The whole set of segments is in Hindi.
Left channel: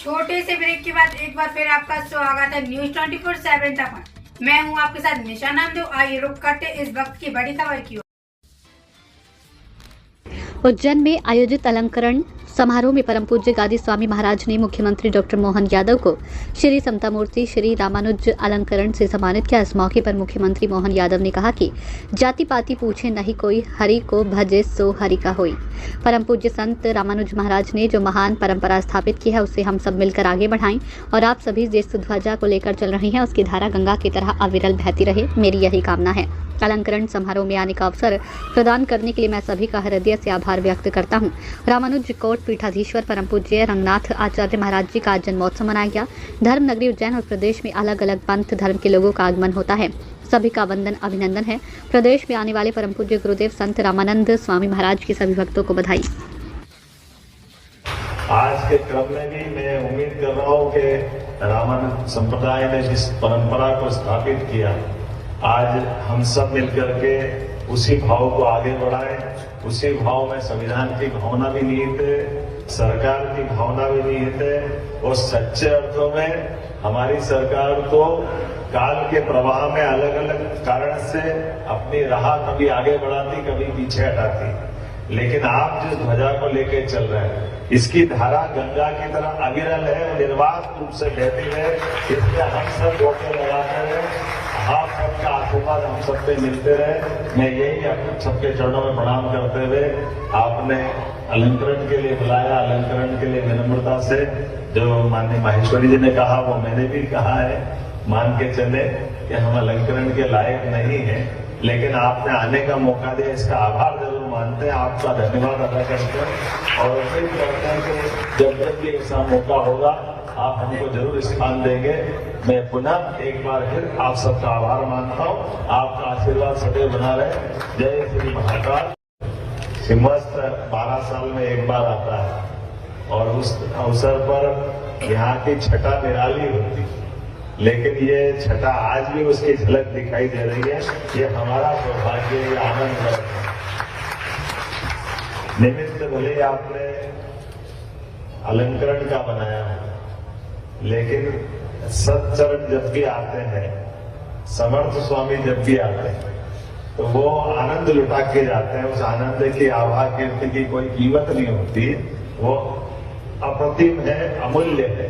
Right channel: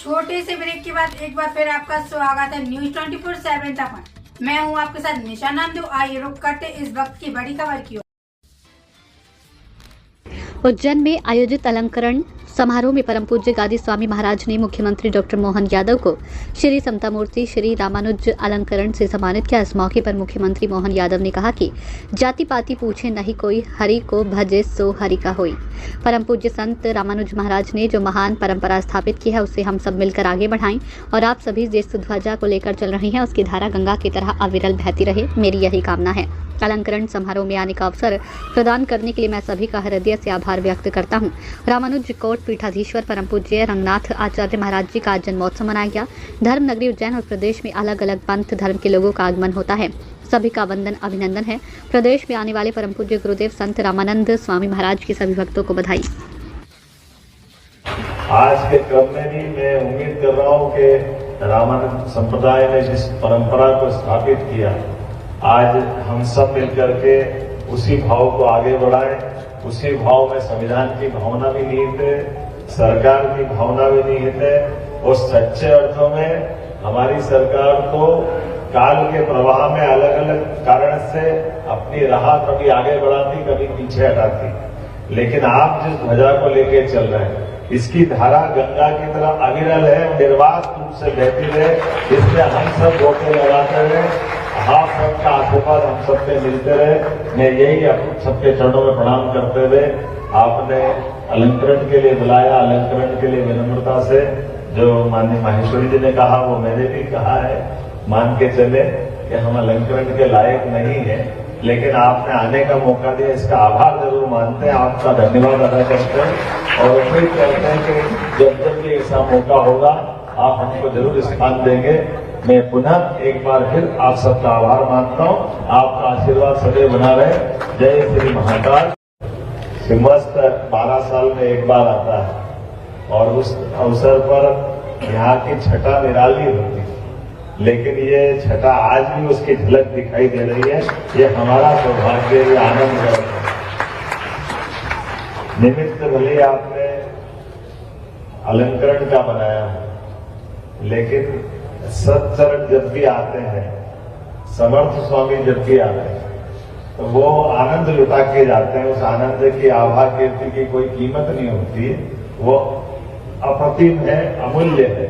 छोटे से ब्रेक के बाद एक बार फिर आपका स्वागत है न्यूज 24/7 पर। मैं हूं आपके साथ निशा नंदू। आइए रुक करते इस वक्त की बड़ी खबर की ओर। उज्जैन में आयोजित अलंकरण समारोह में परम पूज्य गादी स्वामी महाराज ने मुख्यमंत्री डॉक्टर मोहन यादव को श्री समता मूर्ति श्री रामानुज अलंकरण से सम्मानित किया। इस मौके पर मुख्यमंत्री मोहन यादव ने कहा कि जाति पाति पूछे नहीं कोई, हरि को भजे सो हरि का होई। परम पूज्य संत रामानुज महाराज ने जो महान परंपरा स्थापित की है उससे हम सब मिलकर आगे बढ़ाएं और आप सभी जिस ध्वजा को लेकर चल रही हैं उसकी धारा गंगा की तरह अविरल बहती रहे, मेरी यही कामना है। अलंकरण समारोह में आने का अवसर प्रदान करने के लिए मैं सभी का हृदय से आभार व्यक्त करता हूं। रामानुज कोट पीठाधीश्वर परम पूज्य रंगनाथ आचार्य महाराज जी का आज जन्मोत्सव मनाया गया। धर्म नगरी उज्जैन और प्रदेश में अलग अलग पंथ धर्म के लोगों का आगमन होता है। सभी का वंदन अभिनंदन है। प्रदेश में आने वाले परम पूज्य गुरुदेव संत रामानंद स्वामी महाराज के सभी भक्तों को बधाई। आज के क्रम में भी मैं उम्मीद कर रहा हूँ कि रामानंद संप्रदाय ने जिस परंपरा को स्थापित किया, आज हम सब मिलकर के उसी भाव को आगे बढ़ाएं। उसी भाव में संविधान की भावना भी निहित है, सरकार की भावना भी निहित है और सच्चे अर्थों में हमारी सरकार को काल के प्रवाह में अलग अलग कारण से अपनी राह कभी आगे बढ़ाती, कभी पीछे हटाती। लेकिन आप जिस ध्वजा को लेके चल रहे हैं, इसकी धारा गंगा की तरह अविरल है, निर्बाध रूप से बहती है। इसमें हम सब रोके लगाते रहे, आप सबका आशीर्वाद हम सबसे मिलते रहे। मैं यही आप सबके चरणों में प्रणाम करते हुए आपने अलंकरण के लिए बुलाया, अलंकरण के लिए विनम्रता से जो माननीय माहेश्वरी जी ने कहा वो मैंने भी कहा है, मान के चले कि हम अलंकरण के लायक नहीं है, लेकिन आपने आने का मौका दिया, इसका आभार जरूर मानते हैं, आपका धन्यवाद अदा करते हैं और उम्मीद करते हैं कि जब भी ऐसा मौका होगा आप हमको जरूर स्थान देंगे। मैं पुनः एक बार फिर आप सबका आभार मानता हूँ। आपका आशीर्वाद सदैव बना रहे। जय श्री महाकाल। सिंहस्थ 12 साल में एक बार आता है और उस अवसर पर यहाँ की छटा निराली होती है, लेकिन ये छटा आज भी उसकी झलक दिखाई दे रही है। ये हमारा सौभाग्य, ये आनंद है। निमित्त भले आपने अलंकरण का बनाया, लेकिन सच्चरण जब भी आते हैं, समर्थ स्वामी जब भी आते हैं, तो वो आनंद लुटा के जाते हैं। उस आनंद की आभा कीर्ति की कोई कीमत नहीं होती, वो अप्रतिम है, अमूल्य है।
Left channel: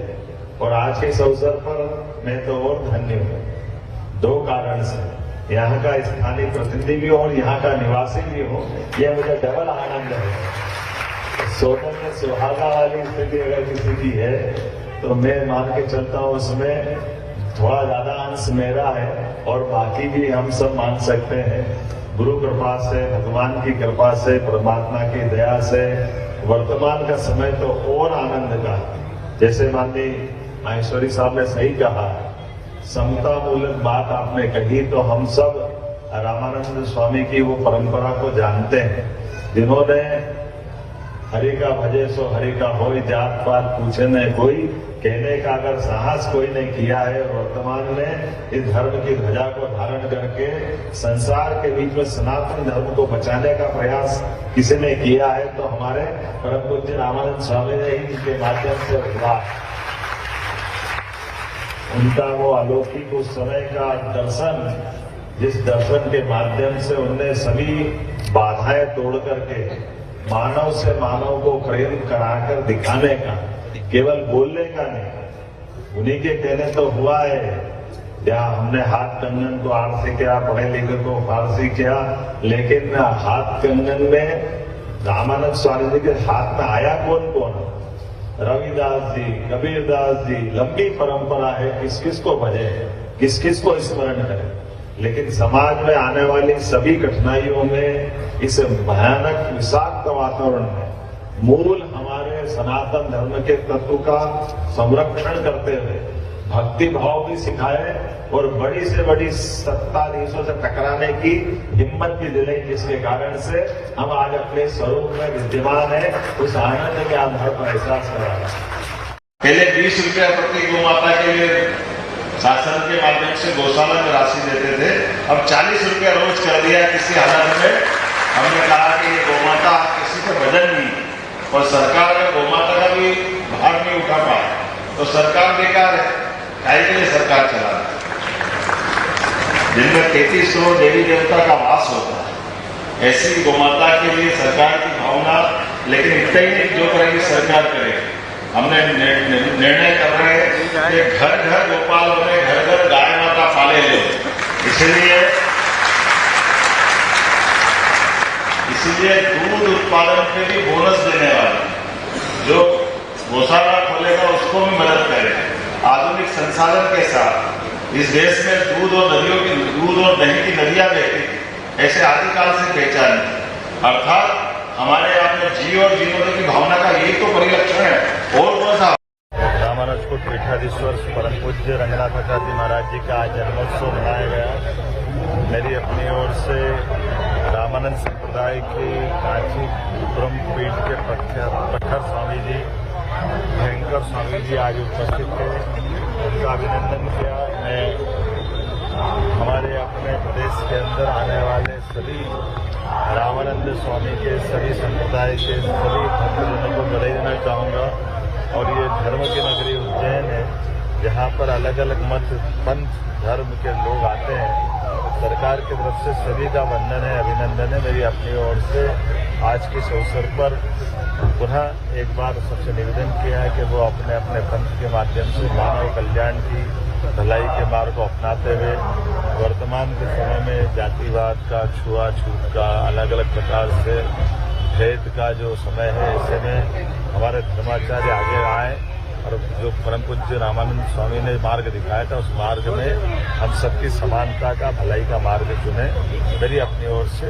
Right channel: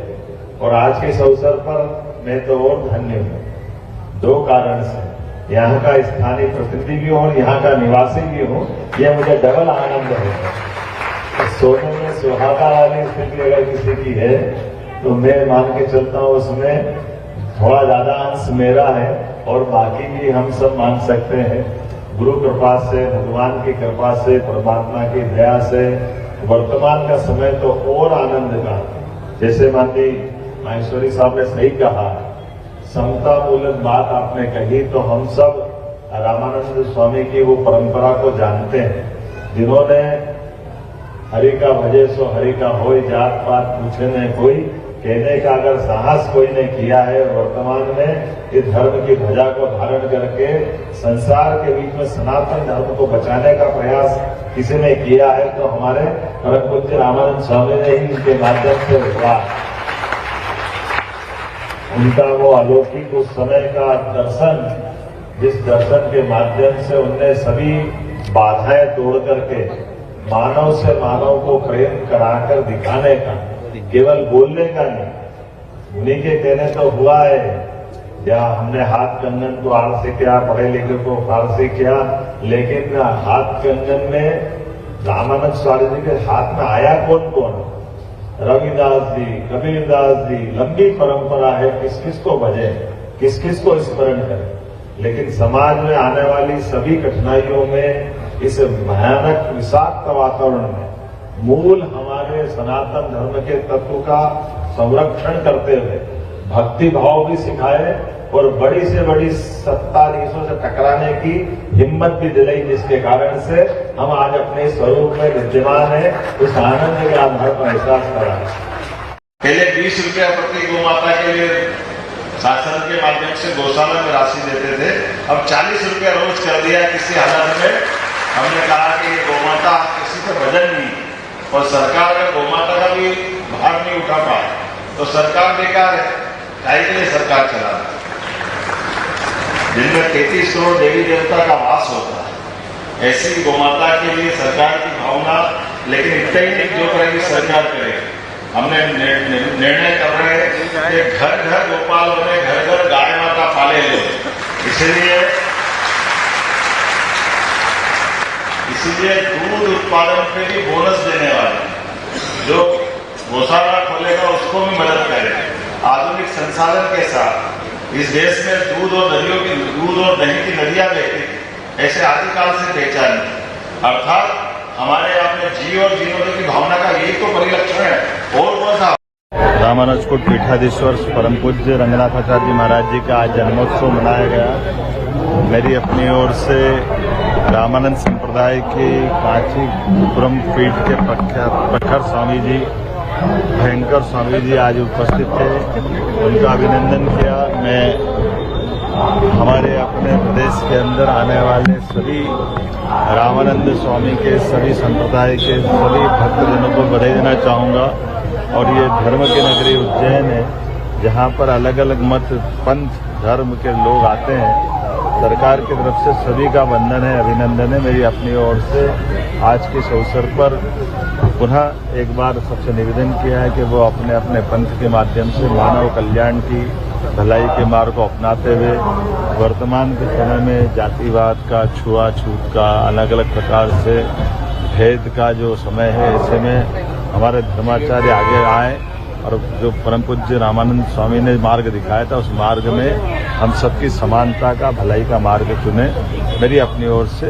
और आज के इस अवसर पर मैं तो और धन्य हूँ 2 कारण से। यहाँ का स्थानीय प्रतिनिधि भी हूँ और यहाँ का निवासी भी हूँ, यह मुझे डबल आनंद है। सोने में सुहागा वाली स्थिति अगर किसी की है तो मैं मान के चलता हूँ उसमें थोड़ा ज्यादा अंश मेरा है और बाकी भी हम सब मान सकते हैं। गुरु कृपा से, भगवान की कृपा से, परमात्मा की दया से वर्तमान का समय तो और आनंद का। जैसे माननीय माहेश्वरी साहब ने सही कहा, समता मूलक बात आपने कही, तो हम सब रामानंद स्वामी की वो परंपरा को जानते हैं, जिन्होंने हरि का भजे सो हरि का होय, जात पात पूछे न कोई, कहने का अगर साहस कोई ने किया है। वर्तमान में इस धर्म की ध्वजा को धारण करके संसार के बीच में सनातन धर्म को बचाने का प्रयास किसी ने किया है तो हमारे परम पूज्य रामानंद स्वामी ने ही उनके माध्यम से हुआ। उनका वो अलौकिक उस समय का दर्शन, जिस दर्शन के माध्यम से उन्होंने सभी बाधाएं तोड़ करके मानव से मानव को प्रेम कराकर दिखाने का, केवल बोलने का नहीं, उन्हीं के कहने तो हुआ है। क्या हमने हाथ कंगन तो आड़ से किया, पढ़े लिखे को पार से किया, लेकिन हाथ कंगन में रामानंद स्वामी जी के हाथ में आया कौन कौन? रविदास जी, कबीरदास जी, लंबी परंपरा है, किस किस को भजे, किस किस को स्मरण करें। लेकिन समाज में आने वाली सभी कठिनाइयों में, इस भयानक विषाक्त वातावरण में मूल हमारे सनातन धर्म के तत्व का संरक्षण करते हुए भक्ति भाव भी सिखाए और बड़ी से बड़ी सत्ताधीशों से टकराने की हिम्मत भी दिलाई, जिसके कारण से हम आज अपने सहयोग में विद्यमान है। उस आनंद के आधार पर एहसास करा। पहले 20 रुपया प्रति गौ माता के लिए शासन के माध्यम से गौशाला में राशि देते थे, अब 40 रुपया रोज कर दिया। किसी हालत में हमने कहा कि ये गौ माता किसी का वजन नहीं और सरकार का गौ माता का भी भार नहीं उठा पाए, तो सरकार बेकार है। काहे के लिए सरकार चला रहा है? जिनमें 33 करोड़ देवी देवता का वास होता है, ऐसी गोमाता के लिए सरकार की भावना, लेकिन इतना ही नहीं जो करेगी सरकार करेगी। हमने निर्णय कर रहे हैं कि घर घर गोपाल बने, घर घर गाय माता पाले लोग। इसीलिए दूध उत्पादन पे भी बोनस देने वाले, जो गौशाला खोलेगा उसको भी मदद करें। आधुनिक संसाधन के साथ इस देश में दूध और दही की नदियां बहती थी, ऐसे आदिकाल से पहचानी। अर्थात हमारे यहाँ में जी और जीवनों की भावना का यही तो परिलक्षण है। और कौन सा? रामानुजकुट पीठाधीश्वर परम पूज्य रंगनाथाचार्य जी महाराज जी का आज जन्मोत्सव मनाया गया। मेरी अपनी ओर से रामानंद संप्रदाय की काशी पुरम पीठ के प्रखर स्वामी जी, भयंकर स्वामी जी आज उपस्थित थे, उनका अभिनंदन किया। मैं हमारे अपने प्रदेश के अंदर आने वाले सभी रामानंद स्वामी के, सभी संप्रदाय के सभी भक्तजनों को बधाई देना चाहूँगा। और ये धर्म की नगरी उज्जैन है, जहाँ पर अलग अलग मत, पंथ, धर्म के लोग आते हैं। सरकार की तरफ से सभी का वंदन है, अभिनंदन है। मेरी अपनी ओर से आज के इस अवसर पर पुनः एक बार सबसे निवेदन किया है कि वो अपने अपने पंथ के माध्यम से मानव कल्याण की, भलाई के मार्ग को अपनाते हुए वर्तमान के समय में जातिवाद का, छुआछूत का, अलग अलग प्रकार से भेद का जो समय है, ऐसे में हमारे धर्माचार्य आगे आए और जो परम पूज्य रामानंद स्वामी ने मार्ग दिखाया था, उस मार्ग में हम सबकी समानता का, भलाई का मार्ग चुने। मेरी अपनी ओर से